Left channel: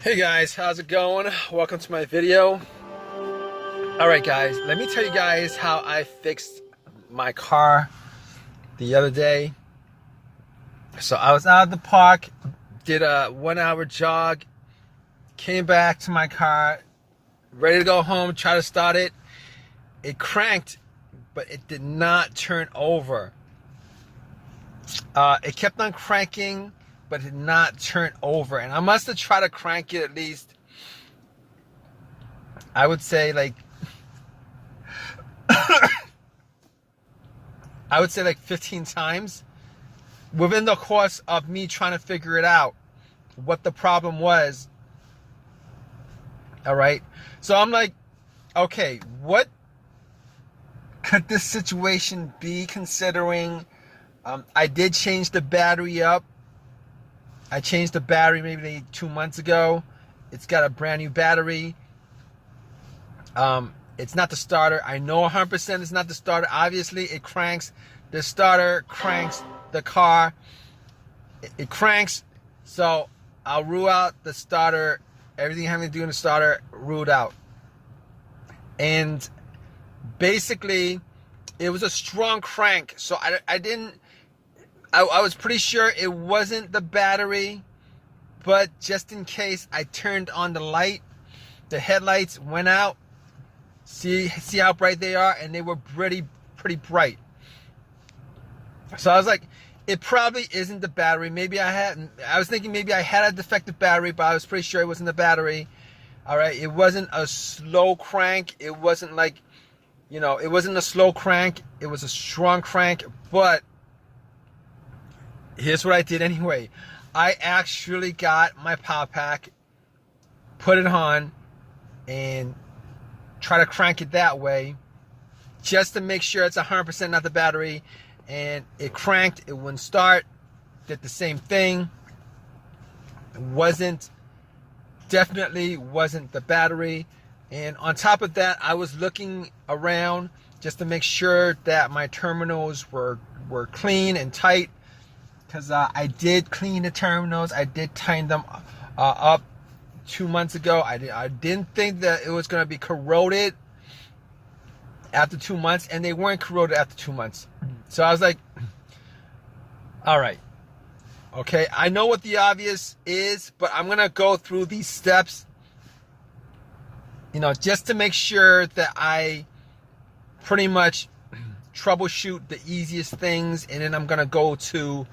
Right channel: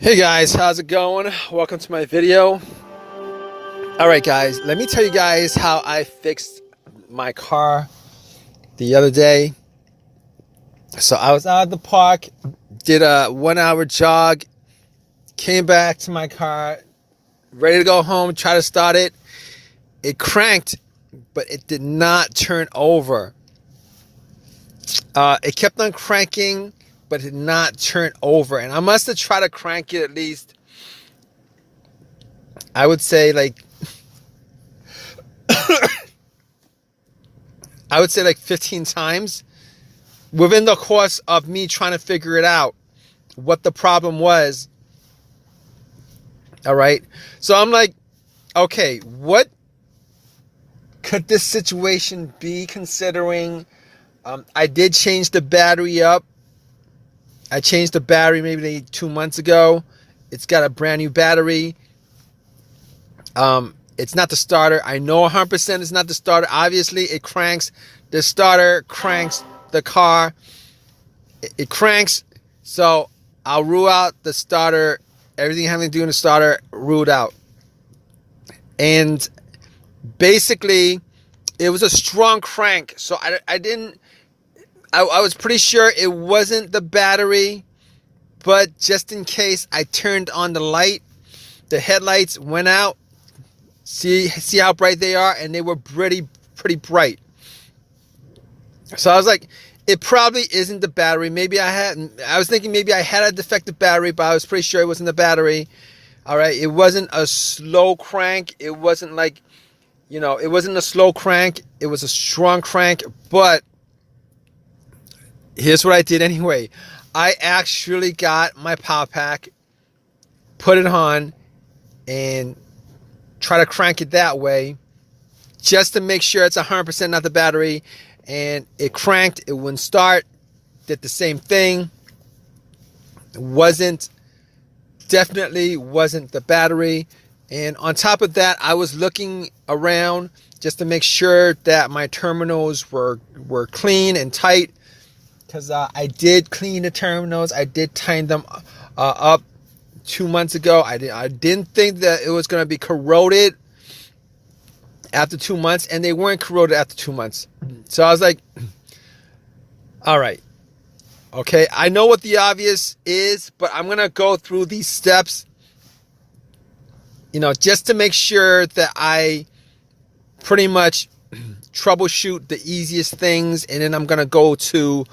Hey guys, how's it going? Welcome to my video. Alright guys, let me tell you guys how I fixed my car the other day. So I was out at the park, did a 1 hour jog, came back to my car, ready to go home, try to start it. It cranked, but it did not turn over. It kept on cranking, but it did not turn over. And I must have tried to crank it at least, I would say like 15 times within the course of me trying to figure it out, what the problem was. All right. So I'm like, okay, what could this situation be, considering I did change the battery up. I changed the battery maybe 2 months ago. It's got a brand new battery. It's not the starter. I know 100% it's not the starter. Obviously, it cranks. The starter cranks the car. It cranks. So I'll rule out the starter. Everything having to do with the starter, ruled out. And basically, it was a strong crank. So I was pretty sure it wasn't the battery. But just in case, I turned on the light. The headlights went out. See how bright they are, and they were pretty bright. So I was like, it probably isn't the battery. I was thinking maybe I had a defective battery, but I was pretty sure it wasn't the battery. All right, it wasn't a slow crank. It wasn't like, it wasn't a slow crank. It was a strong crank. But here's what I did anyway. I actually got my power pack, put it on, and try to crank it that way, just to make sure it's 100% not the battery. And it cranked. It wouldn't start. Did the same thing. Definitely wasn't the battery. And on top of that, I was looking around just to make sure that my terminals were clean and tight, because I did clean the terminals. I did tighten them up 2 months ago. I didn't think that it was going to be corroded after 2 months, and they weren't corroded after 2 months. So I was like, all right, okay, I know what the obvious is, but I'm going to go through these steps, just to make sure that I pretty much troubleshoot the easiest things, and then I'm going to go to,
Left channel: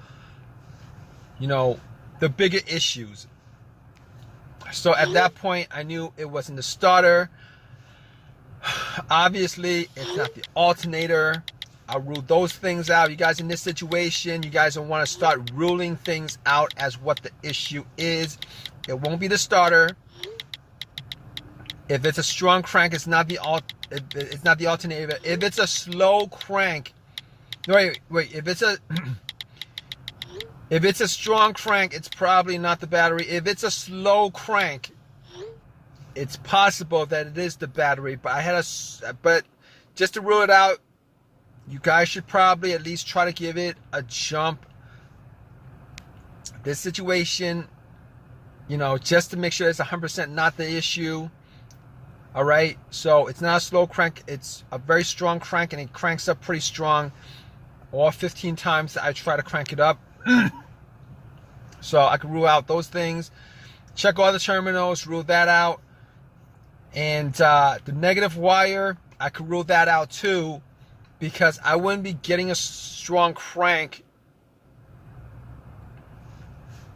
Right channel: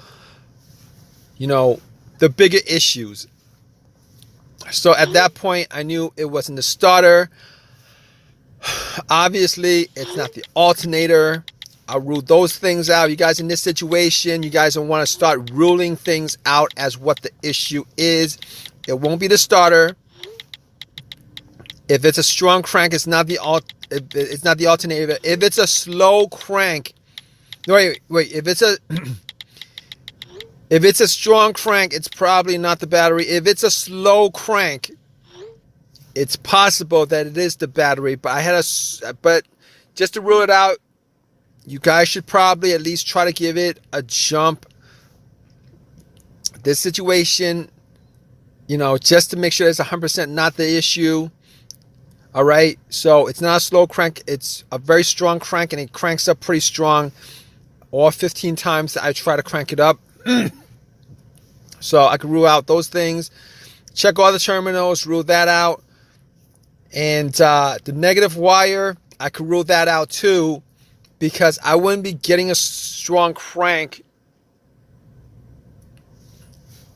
the bigger issues. So at that point, I knew it wasn't the starter. Obviously, it's not the alternator. I ruled those things out. You guys in this situation, you guys don't want to start ruling things out as what the issue is. It won't be the starter. If it's a strong crank, it's not the alternator. If it's a slow crank, wait. If it's a strong crank, it's probably not the battery. If it's a slow crank, it's possible that it is the battery. But just to rule it out, you guys should probably at least try to give it a jump. This situation, just to make sure it's 100% not the issue. All right. So it's not a slow crank. It's a very strong crank, and it cranks up pretty strong. All 15 times that I try to crank it up. So I can rule out those things. Check all the terminals, rule that out. And the negative wire, I could rule that out too, because I wouldn't be getting a strong crank.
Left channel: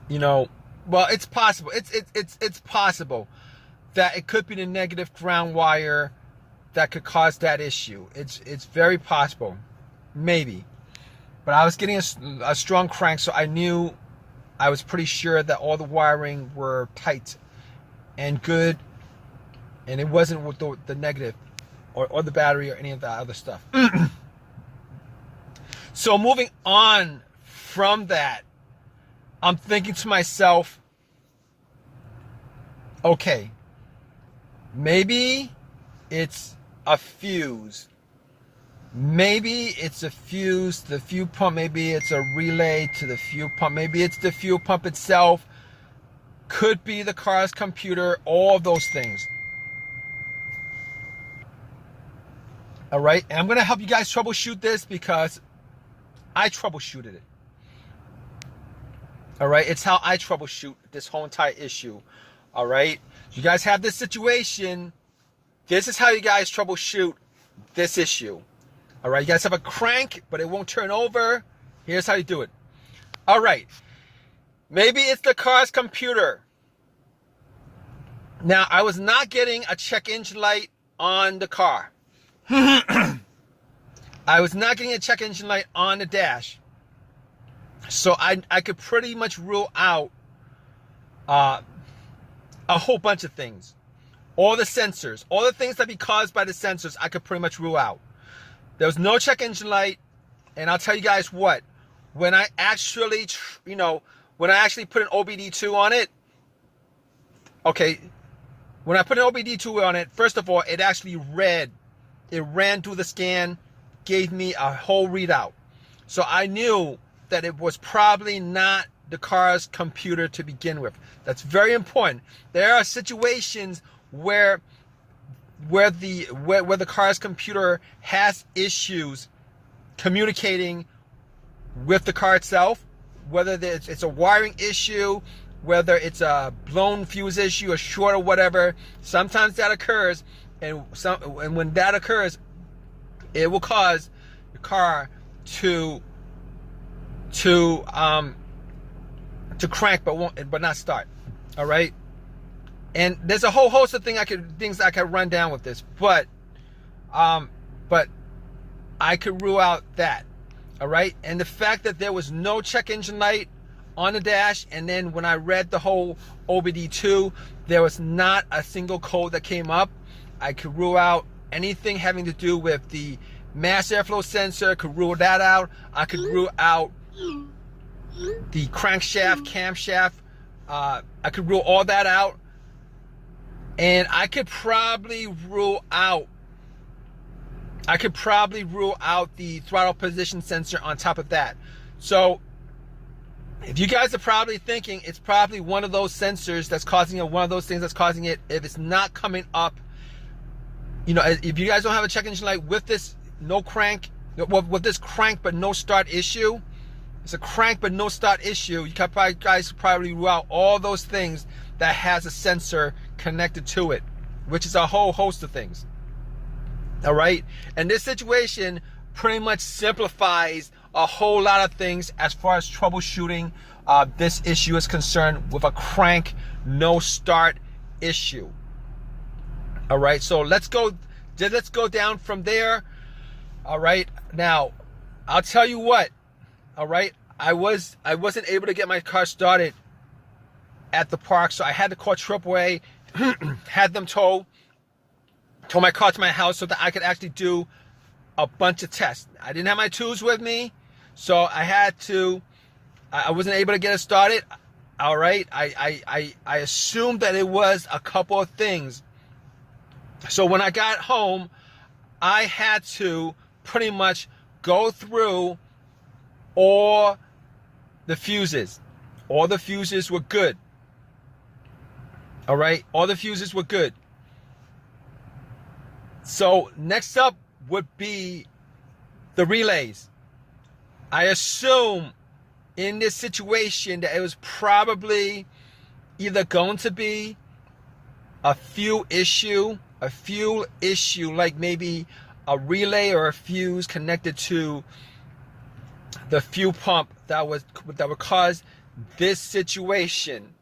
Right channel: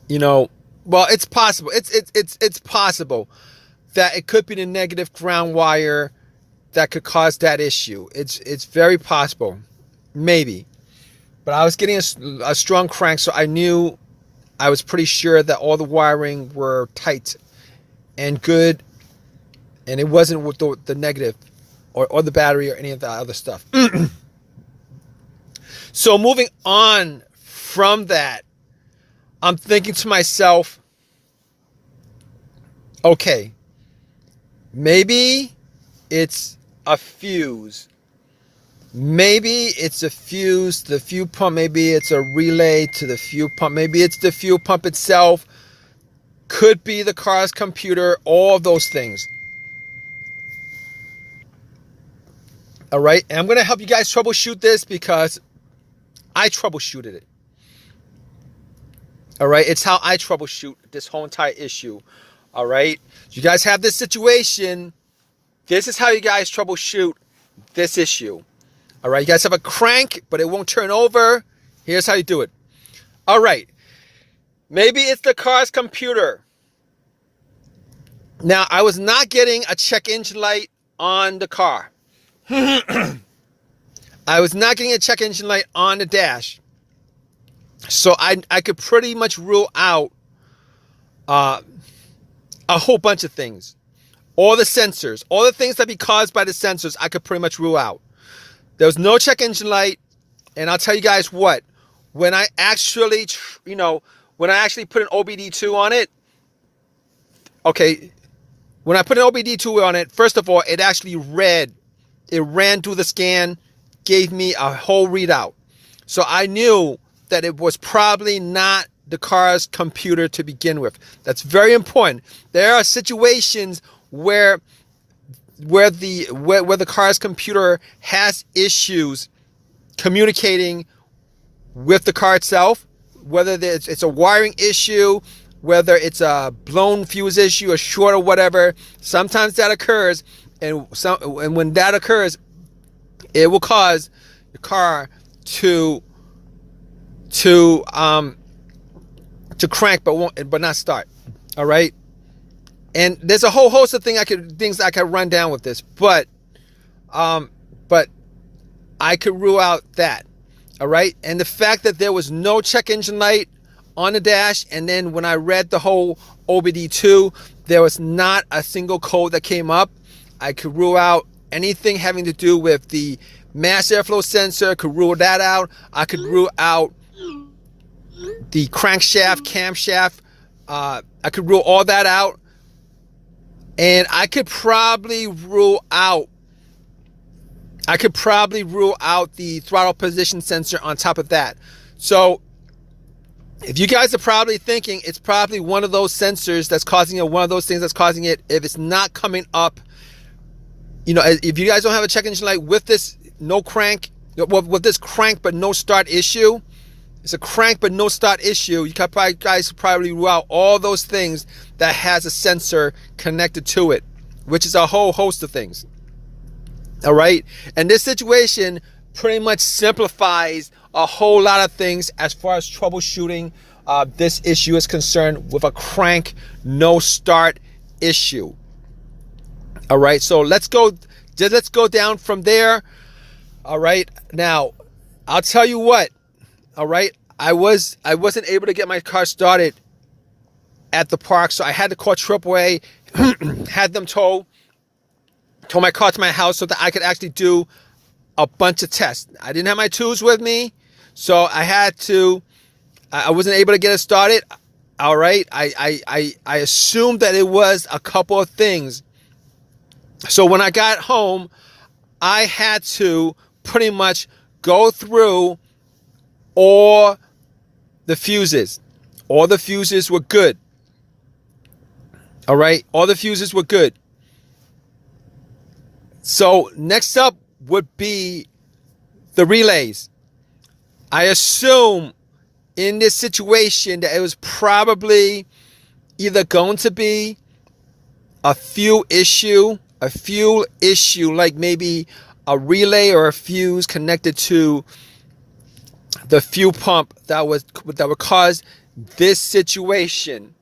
Well, it's possible. It's possible that it could be the negative ground wire that could cause that issue. It's very possible, maybe. But I was getting a strong crank, so I was pretty sure that all the wiring were tight and good, and it wasn't with the negative or the battery or any of the other stuff. So moving on from that, I'm thinking to myself, okay, maybe it's a fuse. Maybe it's a fuse, the fuel pump. Maybe it's a relay to the fuel pump. Maybe it's the fuel pump itself. Could be the car's computer, all of those things. All right, and I'm going to help you guys troubleshoot this because I troubleshooted it. All right, it's how I troubleshoot this whole entire issue. All right, you guys have this situation. This is how you guys troubleshoot this issue. All right, you guys have a crank, but it won't turn over. Here's how you do it. All right, maybe it's the car's computer. Now, I was not getting a check engine light on the car. I was not getting a check engine light on the dash. So I could pretty much rule out a whole bunch of things. All the sensors, all the things that be caused by the sensors, I could pretty much rule out. There was no check engine light. And I'll tell you guys what, when I actually, when I actually put an OBD2 on it, okay, when I put an OBD2 on it, first of all, it actually read. It ran through the scan, gave me a whole readout. So I knew that it was probably not the car's computer to begin with. That's very important. There are situations where the car's computer has issues communicating with the car itself, whether it's a wiring issue, whether it's a blown fuse issue, a short or whatever. Sometimes that occurs. And when that occurs, it will cause the car to crank but not start. All right, and there's a whole host of things I could run down with this, but I could rule out that. All right, and the fact that there was no check engine light on the dash, and then when I read the whole OBD2, there was not a single code that came up. I could rule out anything having to do with the mass airflow sensor, could rule that out. I could rule out the crankshaft, camshaft. I could rule all that out. And I could probably rule out the throttle position sensor on top of that. So if you guys are probably thinking it's probably one of those sensors that's causing it, one of those things that's causing it, if it's not coming up, if you guys don't have a check engine light with this with this crank but no start issue, it's a crank but no start issue, you guys probably rule out all those things that has a sensor connected to it, which is a whole host of things. All right, and this situation pretty much simplifies a whole lot of things as far as troubleshooting this issue is concerned with a crank no start issue. All right, so let's go down from there. All right, now I'll tell you what. All right, I wasn't able to get my car started at the park, so I had to call AAA, had them tow my car to my house so that I could actually do a bunch of tests. I didn't have my tools with me, so I wasn't able to get it started. All right, I assumed that it was a couple of things. So when I got home, I had to pretty much go through all the fuses. All the fuses were good. All right, all the fuses were good. So next up would be the relays. I assume in this situation that it was probably either going to be a fuel issue, like maybe a relay or a fuse connected to the fuel pump that would cause this situation.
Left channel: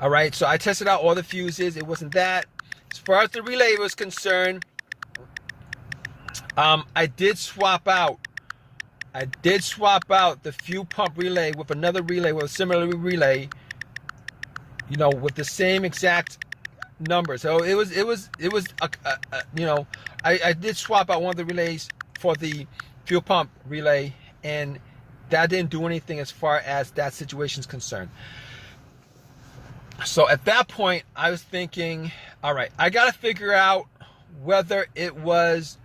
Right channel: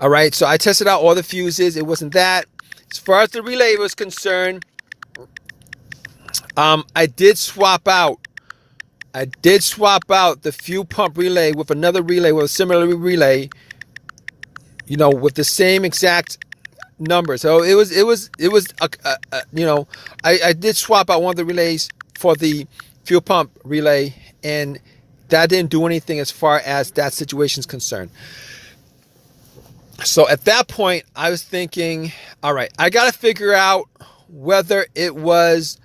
All right, so I tested out all the fuses. It wasn't that. As far as the relay was concerned, I did swap out the fuel pump relay with another relay, with a similar relay, with the same exact number. So I did swap out one of the relays for the fuel pump relay, and that didn't do anything as far as that situation is concerned. So at that point, I was thinking, all right, I got to figure out whether it was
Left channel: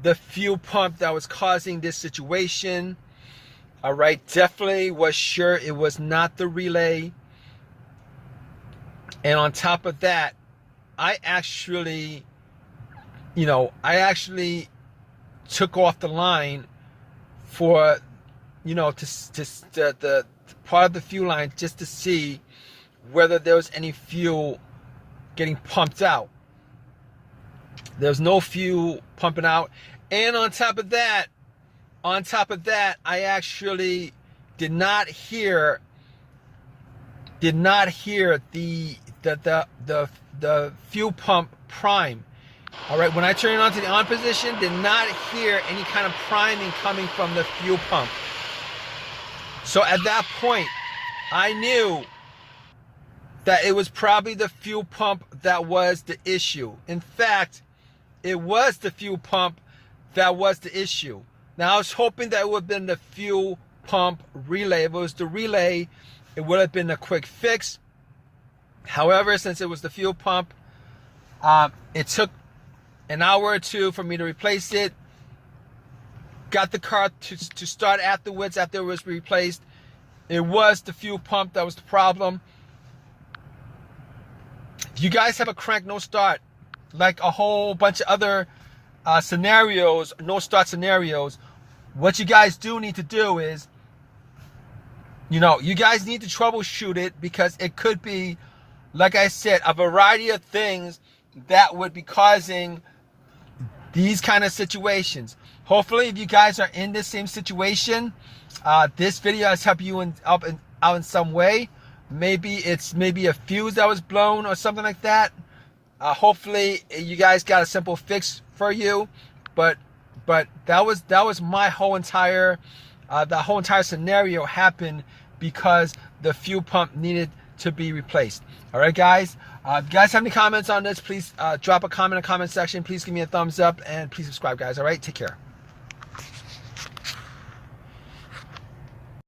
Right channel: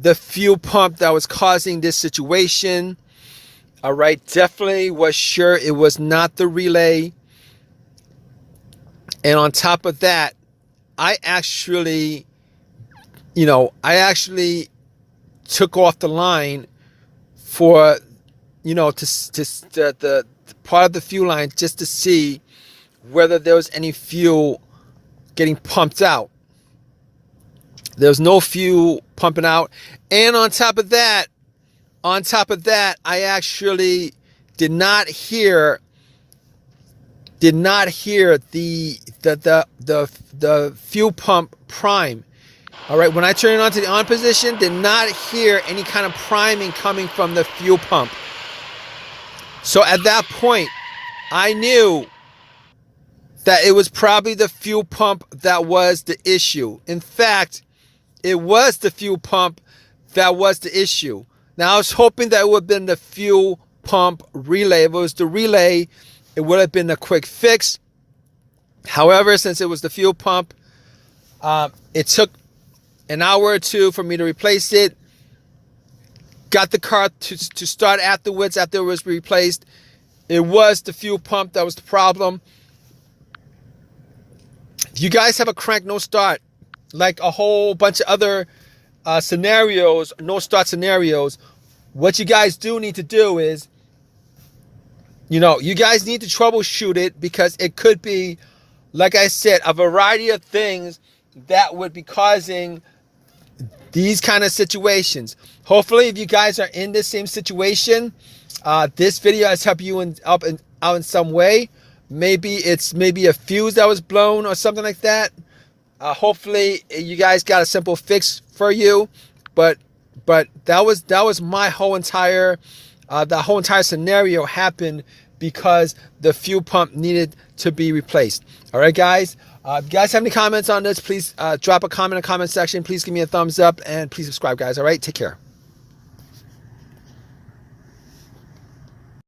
the fuel pump that was causing this situation. All right, definitely was sure it was not the relay. And on top of that, I actually took off the line for, the part of the fuel line just to see whether there was any fuel getting pumped out. There was no fuel pumping out. And on top of that, I actually did not hear the fuel pump prime. All right, when I turned it on to the on position, did not hear any kind of priming coming from the fuel pump. So at that point, I knew that it was probably the fuel pump that was the issue. In fact, it was the fuel pump that was the issue. Now, I was hoping that it would have been the fuel pump relay. If it was the relay, it would have been a quick fix. However, since it was the fuel pump, it took an hour or two for me to replace it. Got the car to start afterwards after it was replaced. It was the fuel pump that was the problem. If you guys have a crank no start, like a whole bunch of other scenarios, no start scenarios, what you guys do need to do is, you guys need to troubleshoot it, because it could be, like I said, a variety of things that would be causing these kind of situations. Hopefully, if you guys are in the same situation, this video has helped you out in some way. Maybe it's a fuse that was blown or something like that. Hopefully, you guys got a simple fix for you. But that was my whole entire the whole entire scenario happened because the fuel pump needed to be replaced. All right, guys. If you guys have any comments on this, please drop a comment in the comment section. Please give me a thumbs up and please subscribe, guys. All right, take care.